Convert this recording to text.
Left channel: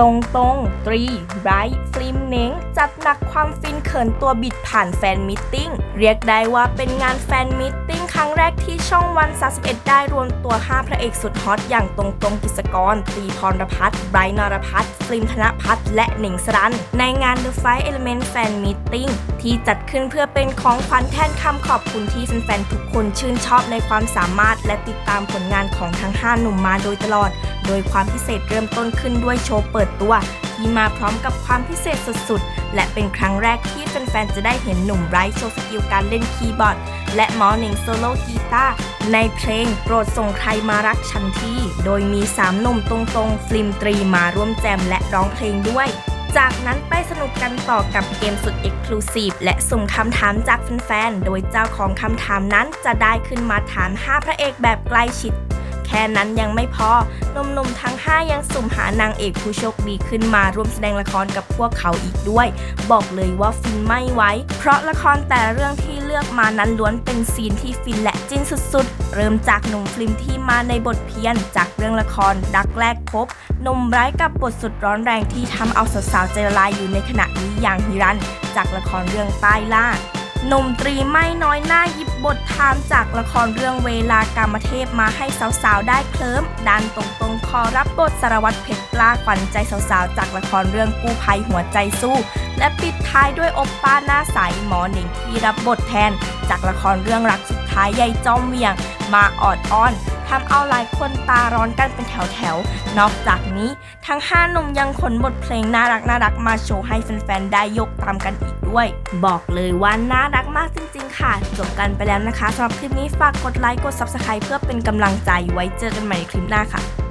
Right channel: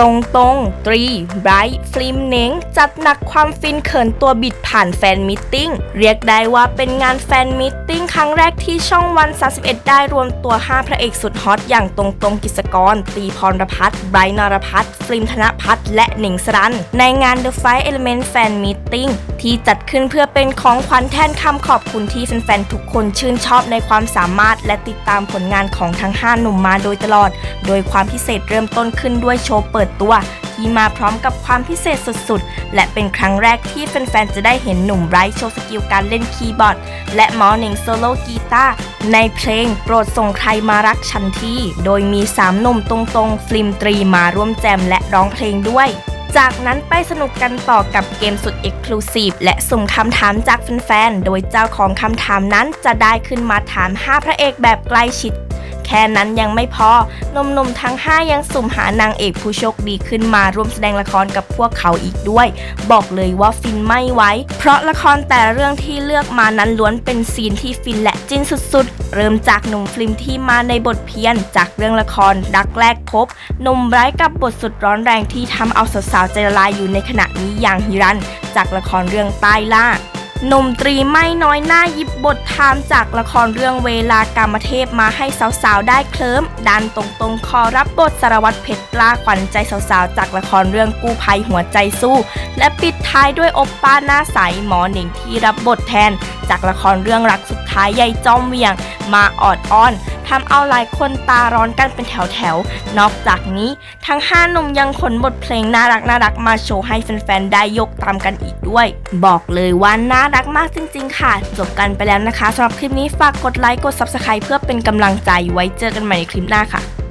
ตรงตรงตรีไบรท์ฟิล์มเน้งจัดหนักความฟินเขินตัวบิดผ่านแฟนมิทติ้ง เรียกได้ว่าเป็นงานแฟนมิทติ้งครั้งแรก ที่ช่องวัน 31 ได้รวมตัว 5 พระเอกสุดฮอต อย่างตรงตรงกิจกรตรีพรพัฒน์ไบรท์นรพัฒน์ฟิล์มธนพัฒน์และหนิงสรัน ในงาน The Five Element Fan Meeting ที่จัดขึ้นเพื่อเป็นของขวัญแทนคำขอบคุณที่แฟนๆ ทุกคนชื่นชอบในความสามารถ และติดตามผลงานของทั้ง 5 หนุ่มมาโดยตลอด โดยความพิเศษเริ่มต้นขึ้นด้วยโชว์เปิดตัวที่มาพร้อมกับความพิเศษสุดๆ และเป็นครั้งแรกที่แฟนๆ จะได้เห็นหนุ่มไบรท์โชว์สกิลการเล่นคีย์บอร์ด และหมอหนิงโซโล่กีตาร์ในเพลงโปรดส่งใครมารักฉันที่โดยมี3หนุ่มตรงๆ ฟิล์มตรีมาร่วมแจมและร้องเพลงด้วย จากนั้นไปสนุกกันต่อกับเกมสุด Exclusive และสุ่มคำถามจากแฟนๆ โดยเจ้าของคำถามนั้นจะได้ขึ้นมาถาม 5 พระเอกแบบใกล้ชิด แค่นั้นยังไม่พอหนุ่มๆทั้ง 5 ยังสุ่มหานางเอกผู้โชคดีขึ้นมาร่วมแสดงละครกับพวกเขาอีกด้วย บอกเลยว่าฟินไม่ไหวเพราะละครแต่เรื่องที่เลือกมานั้นล้วนเป็นซีนที่ฟินและจิ้นสุดๆ เริ่มจากหนุ่มฟิล์มที่มาในบทเพี้ยน จากเรื่องละครดักแรกพบหนุ่มไร้ายกับบทสุดร้อนแรงที่ทำเอาสาวๆใจละลายอยู่ในขณะนี้อย่างฮิรัน จากละครเรื่องใต้ล่า หนุ่มตรีไม่น้อยหน้าหยิบบทไทม์จากละครเรื่องเวลากามเทพมาให้สาวๆ ได้เคลิ้มดันตรงๆ คอรับบทสารวัตรเพชรกล้าขวัญใจสาวๆ จากละครเรื่องกู้ภัยหัวใจสู้ และปิดท้ายด้วยอบป้าหน้าใสหมอหนิงที่รับบทแทน จากละครเรื่องรักสุดท้ายใยจอมเวียง มาออดอ้อนทำเอาหลายคนตาร้อนกันเป็นแถวๆ นอกจากนี้ ทั้ง5หนุ่มยังขนบทเพลงน่ารักน่ารักมาโชว์ให้แฟนๆ ได้ยกตามกันอีก ด้วย บอกเลยว่าน่ารักมากจริง ๆ ค่ะ จบกันไปแล้วนะคะสำหรับคลิปนี้ฝากกดไลค์กด Subscribe เพื่อเป็นกำลังใจไว้เจอกันใหม่ในคลิปหน้าค่ะ